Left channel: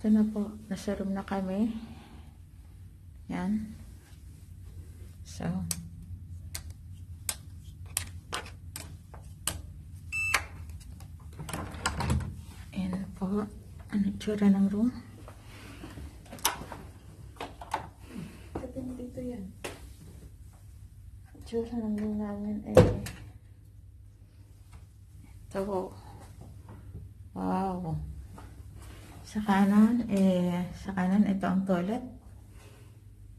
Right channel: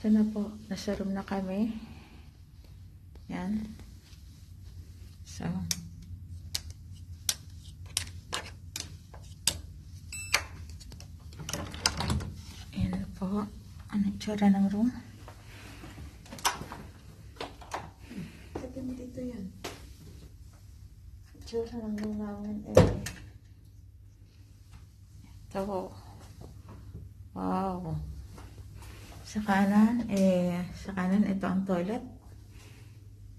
Ito na po, nasa room na kami. Yan. So, ayan po, ano itsura ng room. Dito yan. Itsura ng room namin ito. Wow. Sa kanan, ito ang toilet.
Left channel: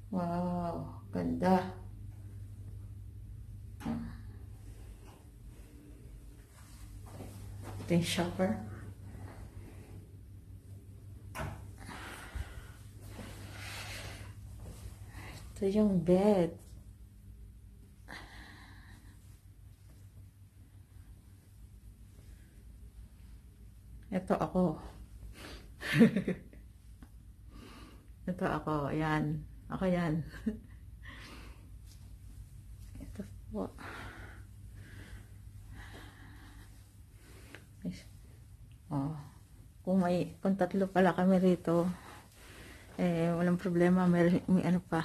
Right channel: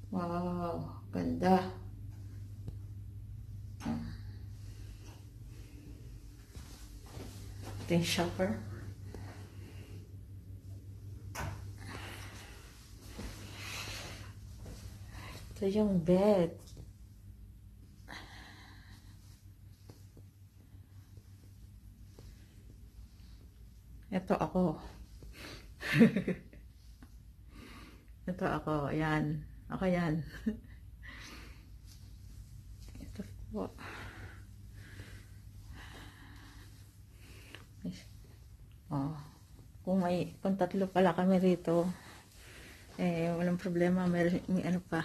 Wow, ganda. Ito yung shower. Ito yung bed. Ito ako. Ito ako. Ayan. Ako yan. Ito po. Oh. Kung tatlo pala kami rito, walang problema. May ano pa.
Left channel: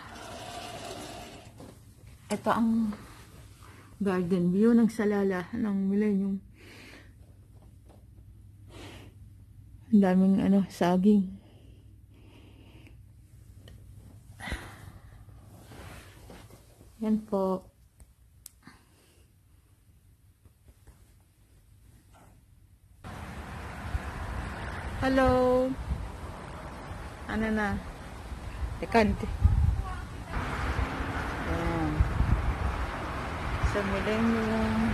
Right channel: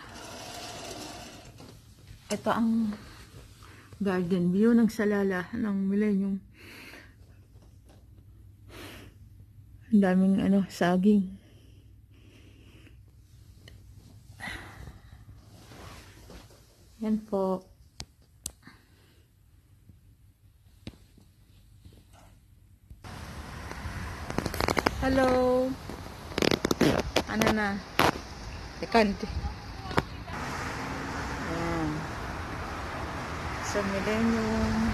Ito ang garden view ng Salala ng Millennium. Ang daming saging. Yan po. Hello. Ano na? Tekante. Yan. Sa Millennium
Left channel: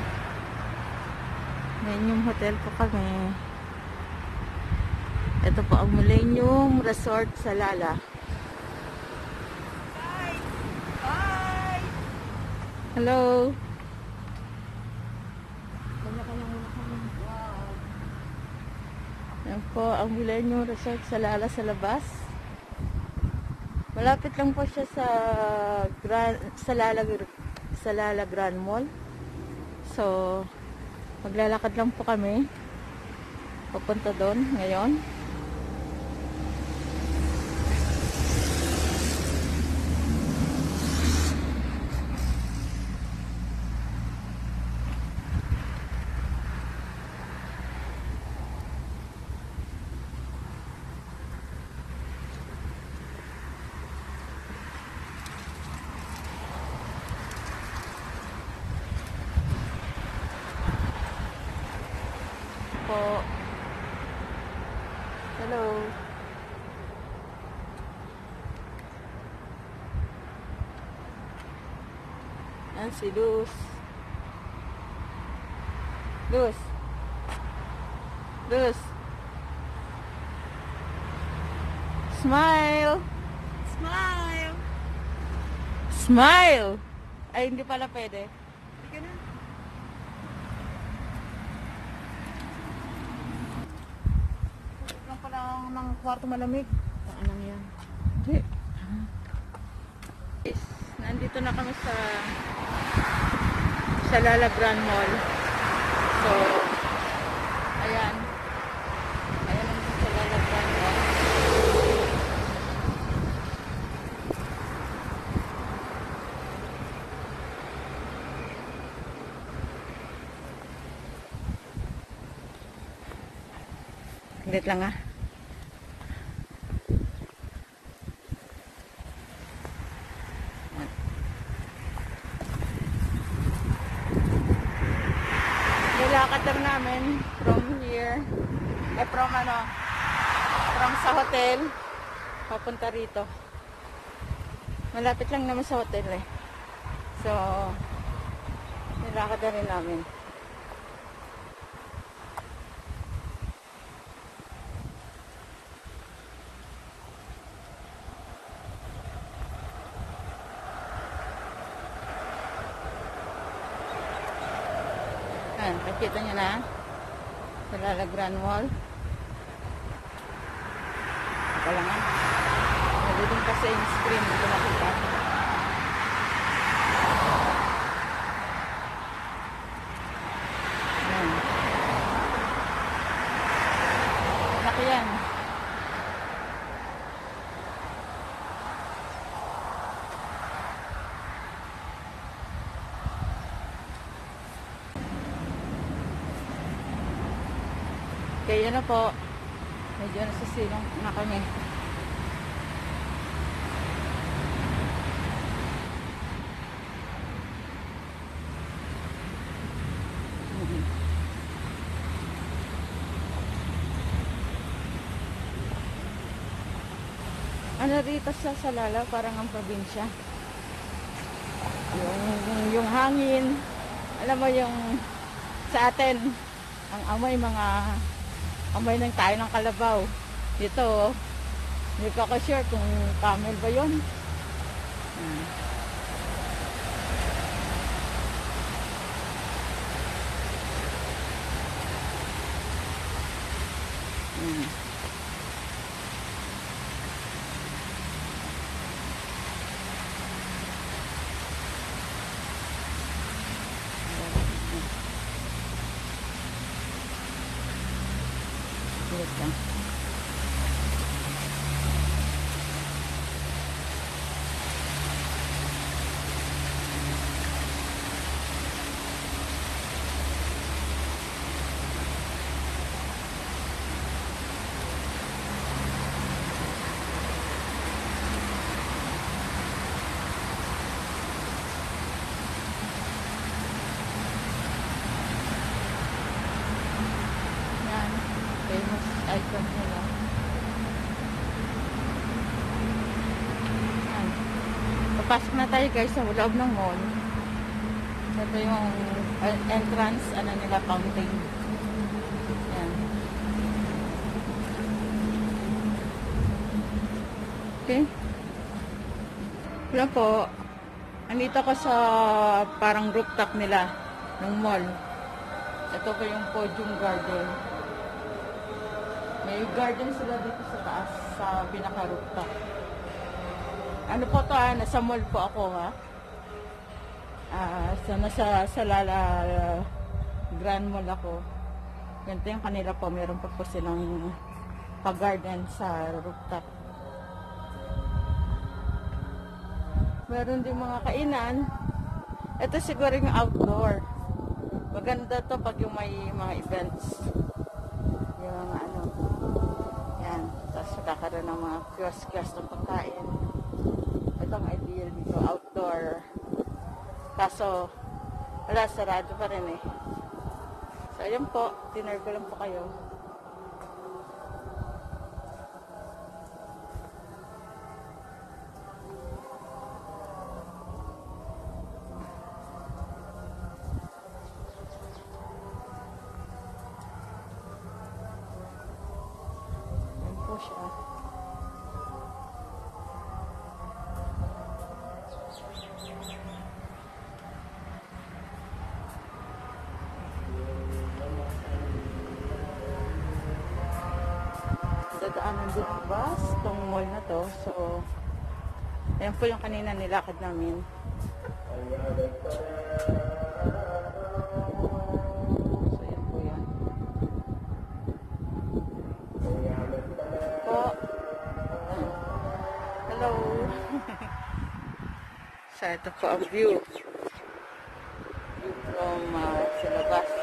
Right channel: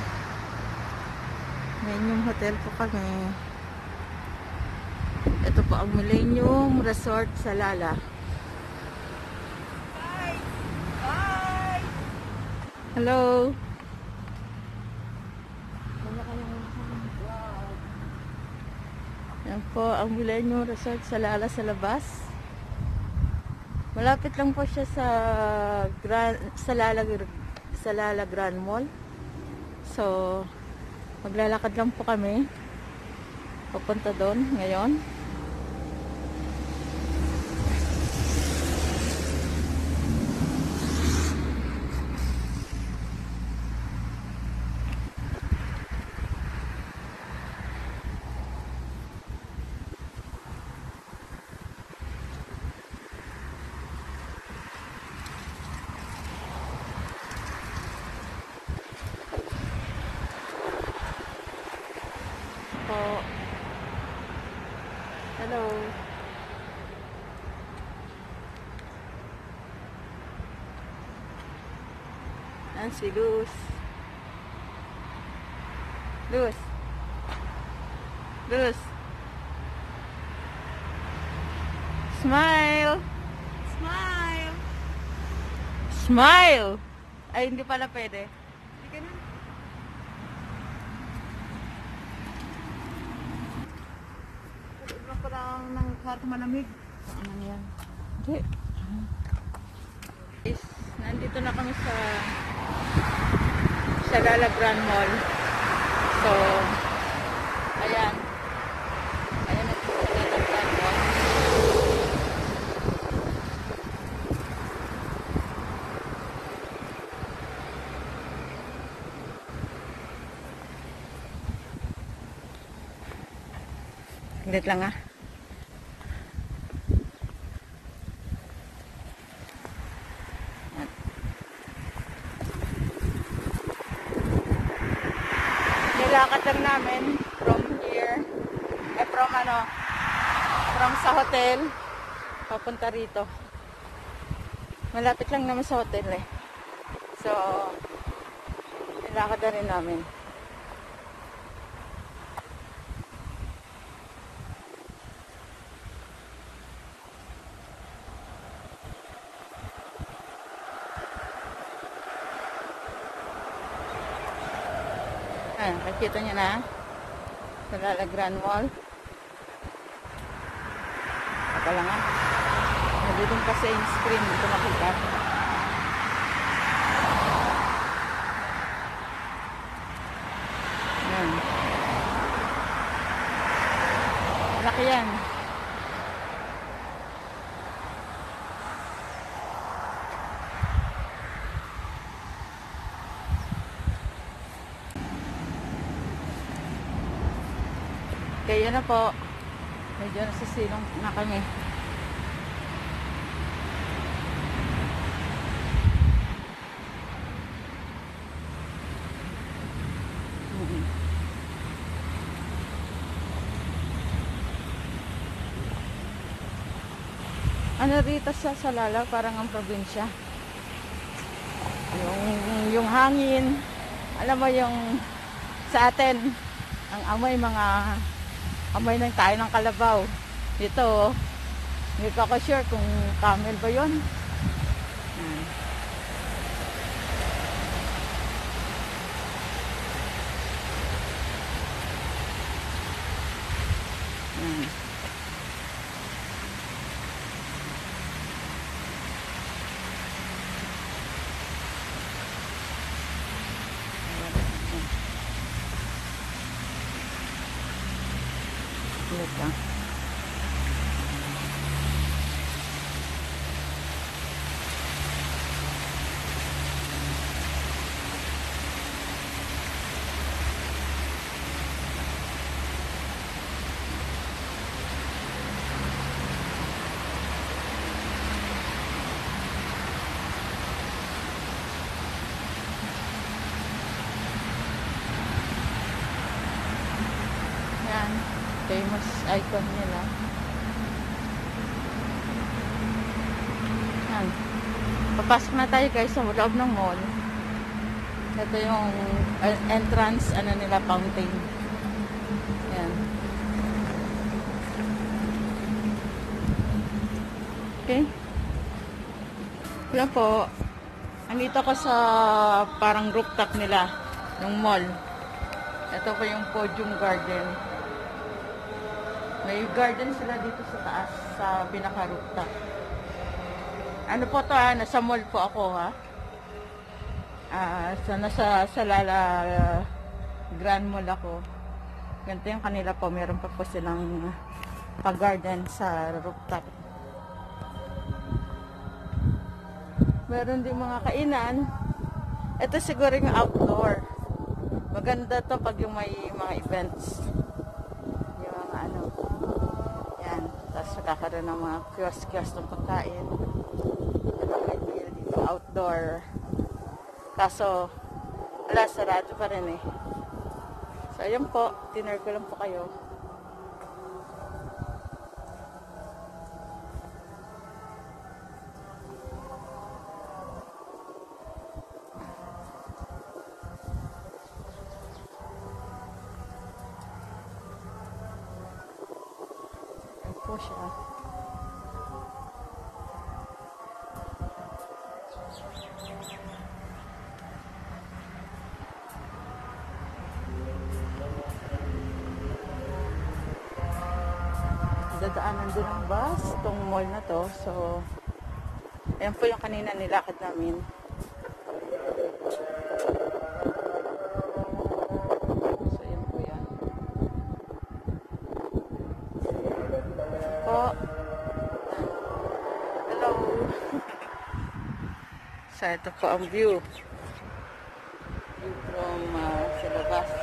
Hotel po kami. Ito po ang Millennium Resort Salala. Hello. Yan po ang Millennium Resort Salala sa labas. Malapit lang po siya sa Salala Grand Mall. So, maglalakad lang po kami papunta doon ngayon. Hello. Yan si Luz. Luz. Luz. Smile. Smile! Smile. Ay, hindi pala pwede. Hindi na. Ng kwarto malamig. Ano yun? Hindi. Nandito na kami sa Salala Grand Mall. So, ayan. Ayan na sa Salala Grand Mall. Saglit lang ah. Nilakad lang namin from here, from sa hotel, papunta rito. Malapit lang naman sa hotel eh. So, nilakad na rin namin. Nakita niyo na Salala Grand Mall. Ito lang ah. Nagulong kasi yung screen. Ito nakita. Ayan. Ito yan. yan na po. Medyo nasisilong na kami. Ano dito sa Salala, parang ang probinsya. Yung hangin, alam mo yung sa atin, ang amoy amoy ng tayo ng kalabaw. Dito, hindi pa ako sure kung camel ba yun. Dito. Famous icon nila. Yan. Papasok na tayo guys sa loob ng mall. Ito yung entrance, nila, fountain. Yan. Okay. Wala po. Andito ako sa parang rooftop nila ng mall. Ito po yung Podium Garden. May garden sila dito sa taas, sa pinaka-rooftop. Ano po to, nasa mall po ako, ha? Nasa Salala Grand Mall ako. Ganito yung kanila po, meron pa po silang pa-garden sa rooftop. Meron din mga kainan. Ito siguro yung outdoor. Maganda to pag yung may mga events. Yan, tapos kakaroon ng mga kiosk ng pagkain. Ano may deal dito, outdoor. Kaso, wala, sarado pa rin eh. So, ayun po, dinner ko lang po kayo. Siya. Dadaanan din ang bus itong mall na to. So, ayan po yung kanina nilakad namin. So, ito po ang view from sa labas.